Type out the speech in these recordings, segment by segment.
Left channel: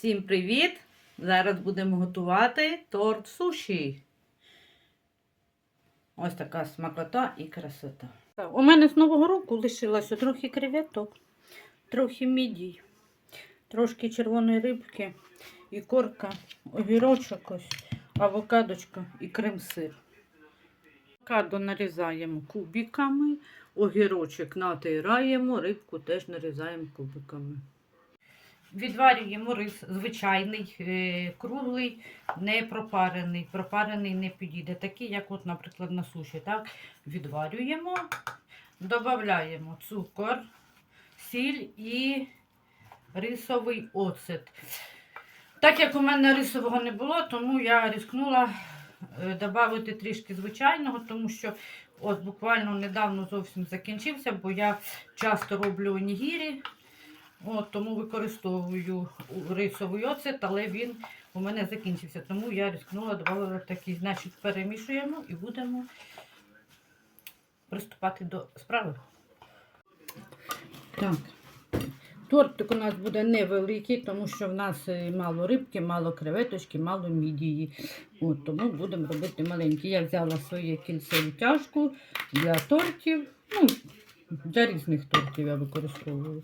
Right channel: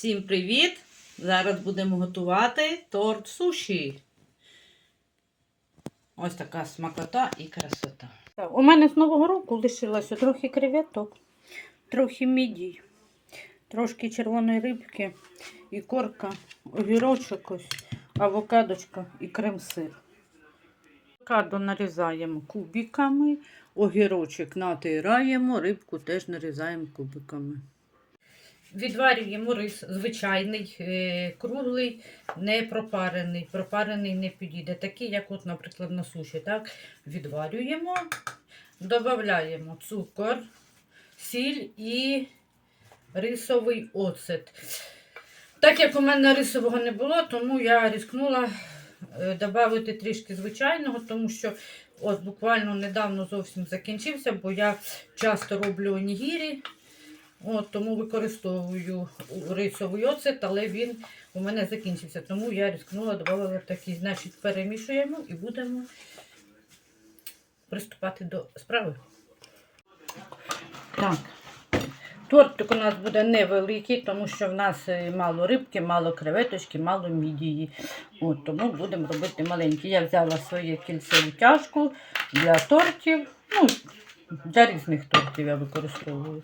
Всім привіт! Зараз будемо готувати торт суші. Ось така смакота і красота. У мене з Нового року лишилося трохи креветок, трохи мідій, трошки червоної рибки, ікорка, огірочок, ось, авокадочка і крем-сир. Авокадо нарізаємо кубиками, огірочок натираємо, рибку теж нарізаємо кубиками. Відварюємо рис звичайний, е, круглий, не пропарений. Пропарений не підійде. Такий, як, от, наприклад, на суші. Так? Відварюємо, додаємо цукор, сіль і рисовий оцет. Так як у мене рисового не було, тому я рискнула е, додати трішки звичайного, тому що от буквально недавно зовсім закінчився, бо я часто роблю онігірі. От, тому використовую рисовий оцет, але він у мене закінчився. Тому я рискнула, додала такий. Значить, перемішуємо і будемо приступати до справи. Так. Тортик у нас буде невеликий, тому що в нас е, мало рибки, мало креветочки, мало мідії. От, тому будемо робити маленький. Я взяла своє кільце утяжку для тортів. Ну, для різних тортів я використовую.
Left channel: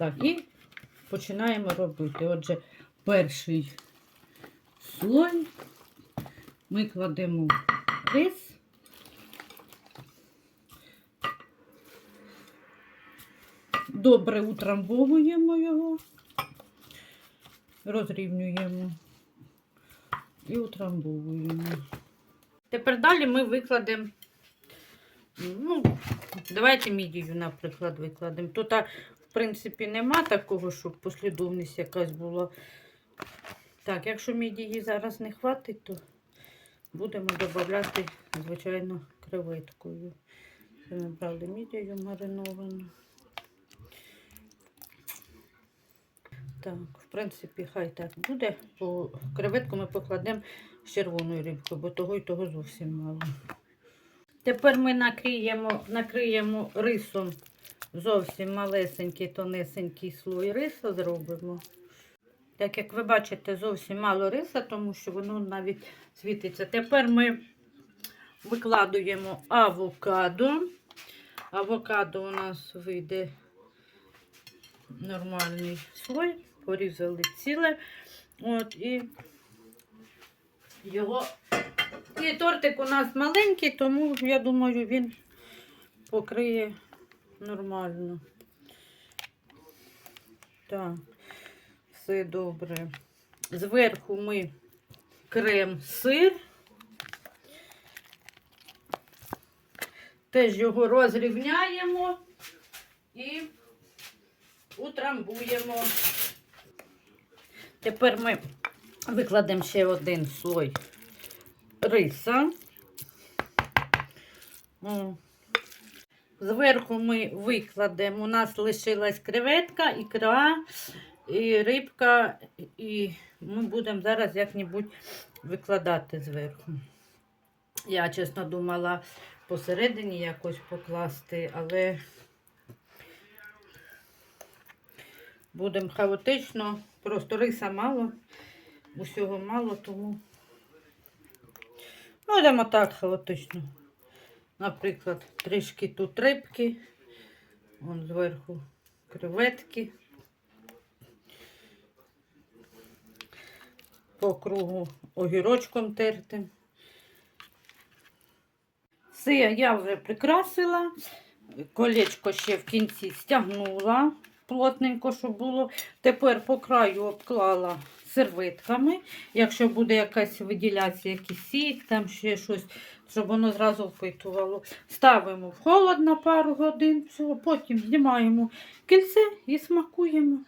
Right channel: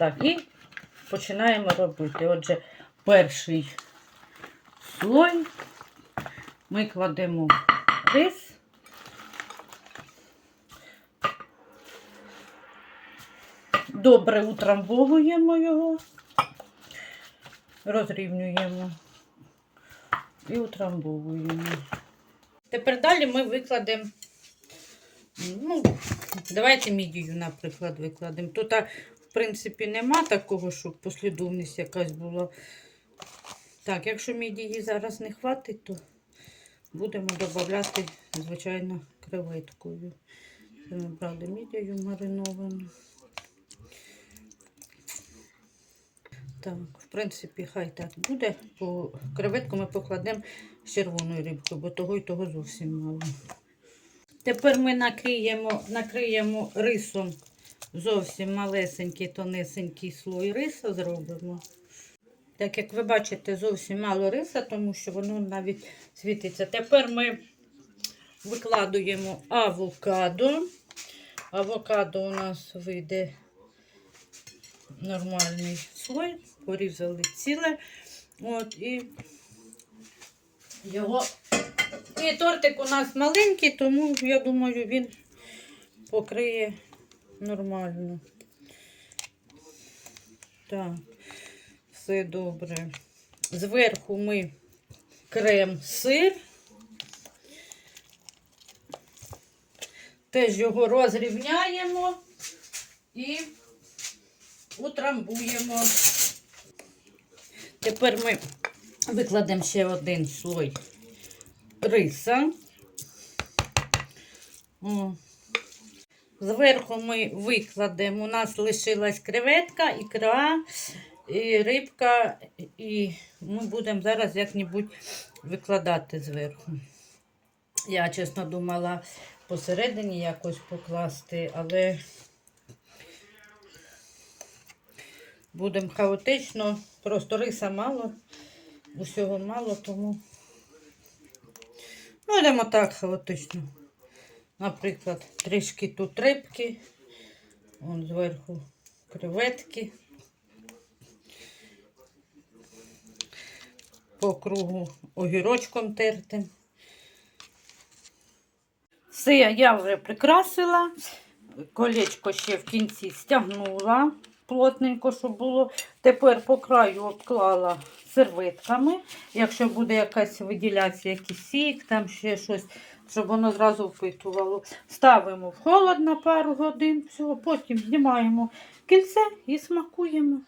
Так, і починаємо робити. Отже, перший слой ми кладемо рис. Добре утрамбовуємо його, розрівнюємо і утрамбовуємо. Тепер далі ми викладемо, ну, давайте мідію, наприклад, викладемо. Тут, в принципі, нема такого, щоб послідовність якась була. Так, якщо мідії зараз не хватить, то будемо додавати, звичайно, креветкою. Це мідію мариновану. Так, в принципі, хай так буде, бо креветку ми покладемо з червоною рибкою, бо того і того зовсім мало. Тепер ми накриємо, накриємо рисом зовсім малесенький, тонесенький слой риса зробимо. Так як ви бачите, зовсім мало риса, тому що воно навіть світиться. Тепер ми викладуємо авокадо. Авокадо у нас вийде нормальний слой, порізали ціле. От, і його. І тортик у нас маленький, тому я думаю, він покриє нормально. Так, все добре. Зверху ми крем-сир. Теж його розрівняємо і утрамбуємо. Тепер ми викладемо ще один слой риса. О. Зверху ми викладемо, у нас лишилась креветка, ікра, і рибка, і ну, будемо зараз як-небудь викладати зверху. Я, чесно, думала посередині якось покласти, але будемо хаотично, просто риса мало, усього мало, тому будемо так хаотично. Наприклад, трішки тут рибки, вон зверху креветки. По кругу огірочком тертим. Все, я вже прикрасила. Колечко ще в кінці стягнула плотненько, щоб було. Тепер по краю обклала серветками. Якщо буде якась виділятися, якийсь сік, там ще щось, щоб воно зразу впитувало. Ставимо в холод на пару годин, всього, потім знімаємо кільце і смакуємо.